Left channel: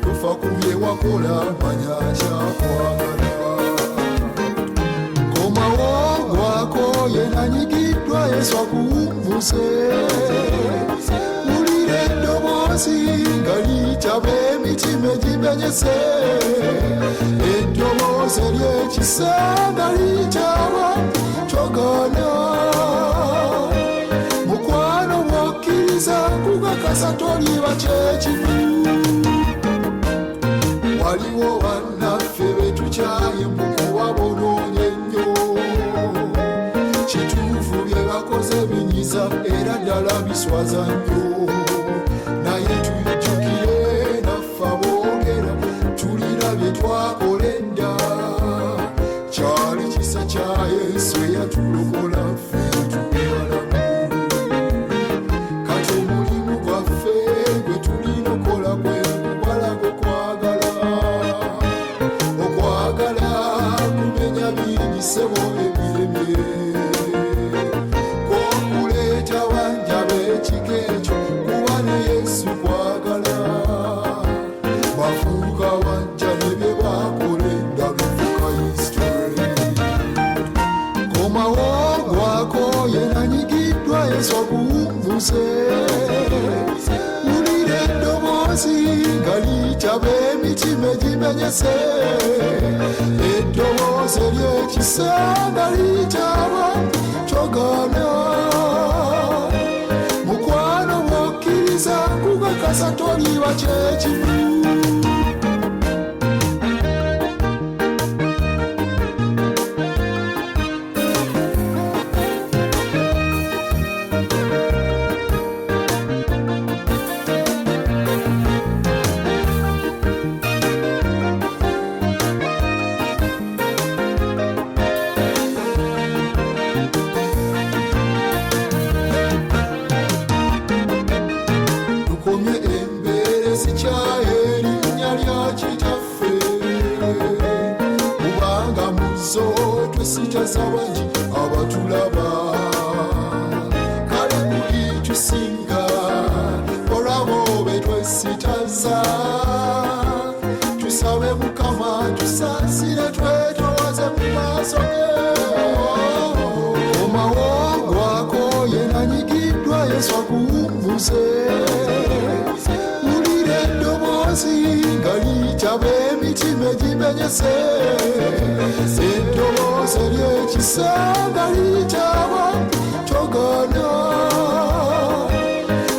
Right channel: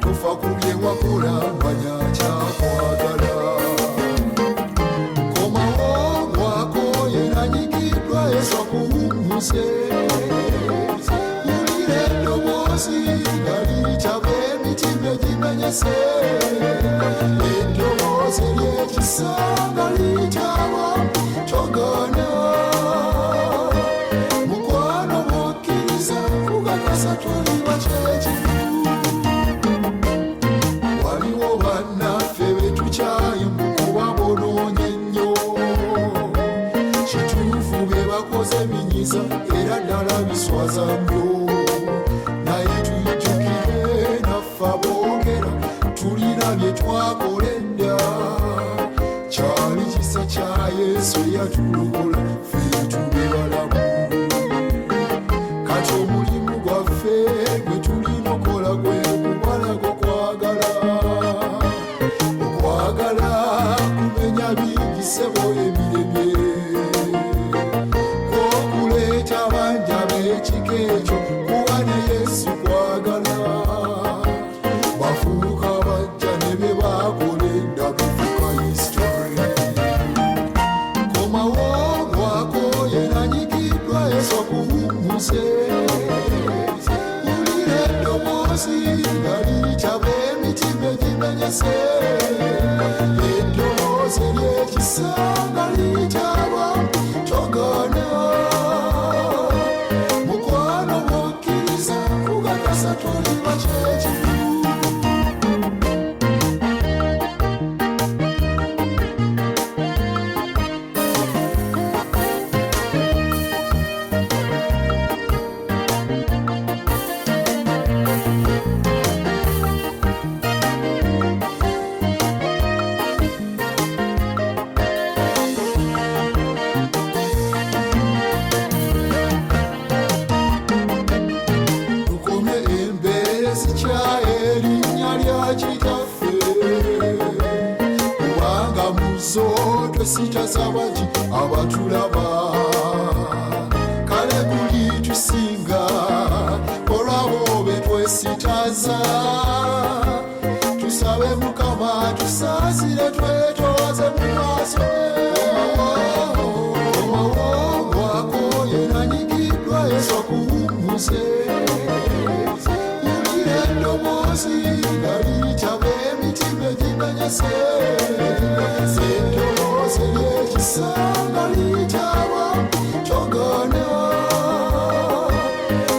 tufa kubye wakola manya kyakwagala komawangwako yenanyigiddwa Yesu akuwummuse wulira eddoboozi nga liyitaba emitima egimenyese eddoboozi ery'ekisa nga liyitaba kyogana mukwano bw'okkiriza kugakasa toliba kyekifu waliwo bannaffe betukyaye mu kuba bonoonya ennyo kituufu bye bakoze binyiza era ddala biswaza nnyo naye tujjukire naffe aboogera tulina bye twakola edda kyali kisa kya Yesu eyatulokola ffe tube balamu kati omulimu gwaffe gwe tulina okola gwe kubalaga okwagala kumenya bigisebo ebiremye okuleeta banja b'ekika ekyo kuba ne Yesu kwagala bafuuka bajja ebye bakola edda bifuuka history komawangwako yenanyigiddwa Yesu akuwummuse wulira eddoboozi nga liyitaba emitima egimenyese eddoboozi ery'ekisa nga liyitaba kyogana mukwano bw'okkiriza kugakasa toliba kyekifu tukomye embeera ezikyaye erinnya lya kitaffe kubanga mu zo twesittaza bangi abatulaba kale kuli tusinga olwabo be twesittaza tusabe Mukama tusaasire twetoowaze mu maaso ge komawangwako yenanyigiddwa Yesu akuwummuse wulira eddoboozi nga liyitaba emitima egimenyese eddoboozi ery'ekisa nga liyitaba kyogana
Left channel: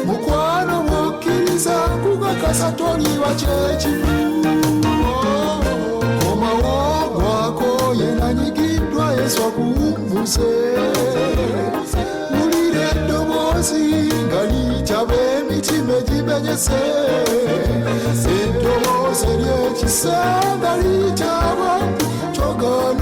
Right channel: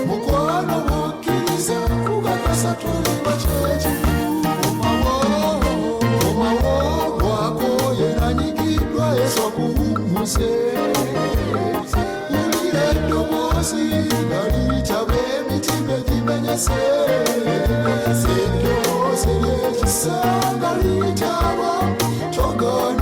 mukwano bw'okkiriza kugakasa toliba kyekifu komawangwako yenanyigiddwa Yesu akuwummuse wulira eddoboozi nga liyitaba emitima egimenyese eddoboozi ery'ekisa nga liyitaba kyogana